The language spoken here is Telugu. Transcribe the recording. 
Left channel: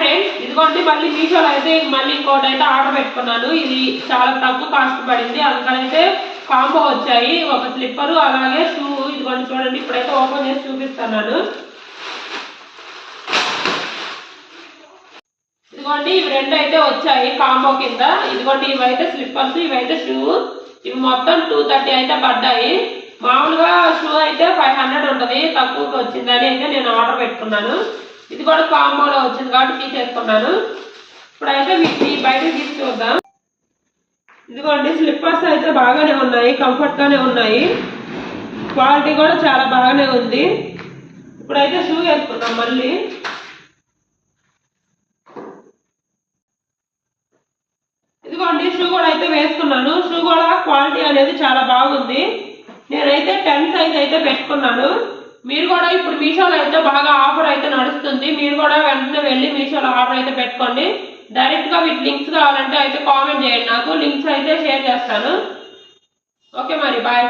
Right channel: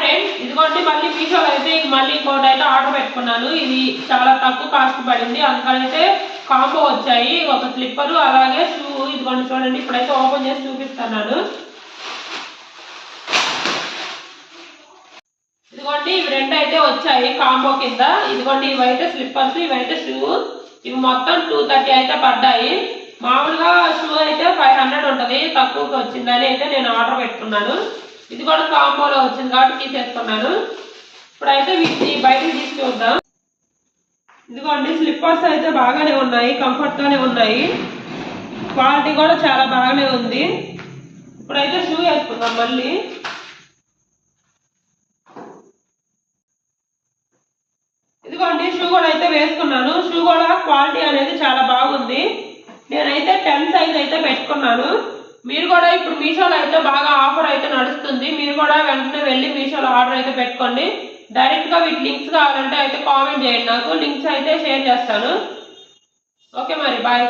ఫ్రెండ్స్, ఇదిగోండి మళ్ళీ మీషోలో అయితే మళ్ళీ ఇంకోటి అయితే ఆర్డర్ పెట్టుకున్నాను. ఇది చాలా తక్కువ కాస్ట్ పడింది. అందుకనైతే కాంబో వచ్చాయి, ఒక స్లిప్పరు అలాగే షూ. ఇదిగోండి చూడండి, ఇప్పుడైతే ఓపెన్ చేసి చూపిస్తున్నాను. ఇదిగోండి ఇవి రెండు అయితే వచ్చాయి కాంబో కింద. ఇదిగోండి ఇవైతే స్లిప్పర్స్, ఇవైతే షూ. ఇవి మొత్తం 230 అయితే పడ్డాయి. మామూలుగా షూ అయితే 500 ఉంటుంది, తక్కువకి వచ్చిందని అయితే నేను ఆర్డర్ పెట్టుకున్నాను. ఇది కూడా కాంబోలో వచ్చింది కాబట్టి తీసేసుకున్నాను. ఇప్పుడైతే వీటిని బయటకు తీసి చూద్దాం. ఇదిగోండి స్లిప్పర్స్ అయితే బాగానే ఉన్నాయి, కంఫర్ట్గానే ఉన్నాయి, క్వాలిటీ కూడా చాలా బాగానే ఉంది. ఇప్పుడైతే షూ వేసుకుందాం మళ్ళీ. ఇదిగోండి షూ కూడా అయితే వేసుకున్నాను. షూ కూడా క్వాలిటీ అనేది చాలా బాగుంది. నేనైతే 10 సైజ్ అయితే పెట్టుకున్నాను. మీరు కూడా ఇప్పుడు మీషోలో అయితే బాగా ఆఫర్ అయితే నడుస్తుంది. మీరు కూడా వెంటనే వెళ్ళి మీషోలో ఆర్డర్ అయితే పెట్టుకోండి. డైరెక్ట్గా వీటి లింక్స్ కావాలంటే అయితే కామెంట్ చేయండి, నాకు లింక్స్ అయితే షేర్ చేస్తాను. ఓకే మరి బాయ్.